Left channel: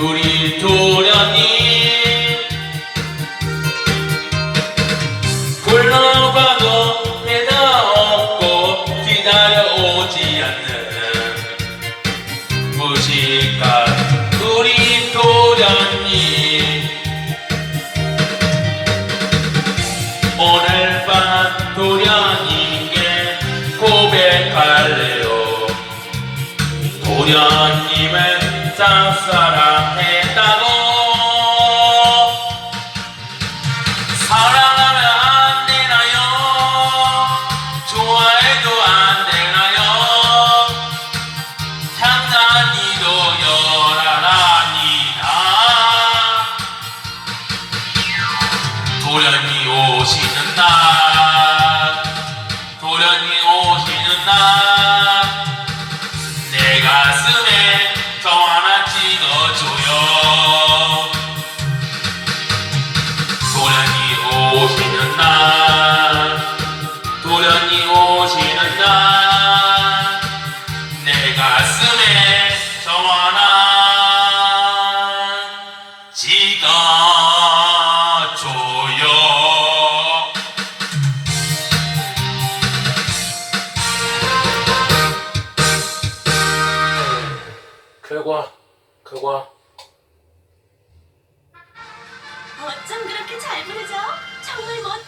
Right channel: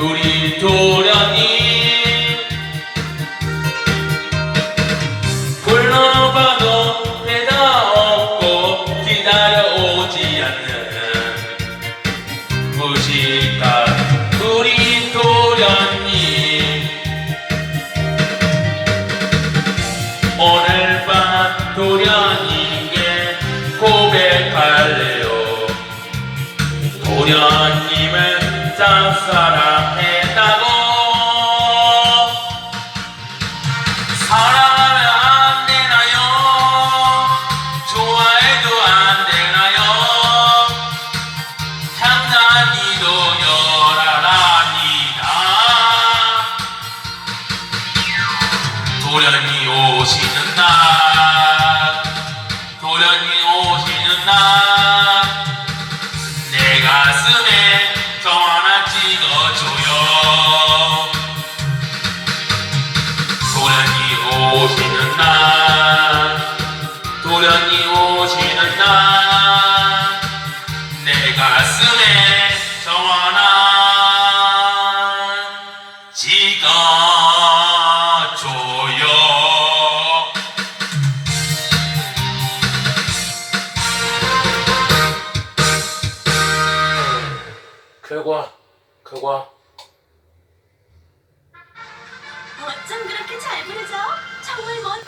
우리 도련이 굴러가도 대다 없고 기다려오지 않는 무식한 우리 도련이 오늘 밤 도련이께 고백할래요. 도련님은 쌉싸라 도련이 오시는 날 도련이 오시는 날 내 가슴에 저 하나 찍어줘요. 도련이 오시는 날 도련이 오시는 날 결과 결과 어쩜 그렇게 잘 부르죠? 정말 멋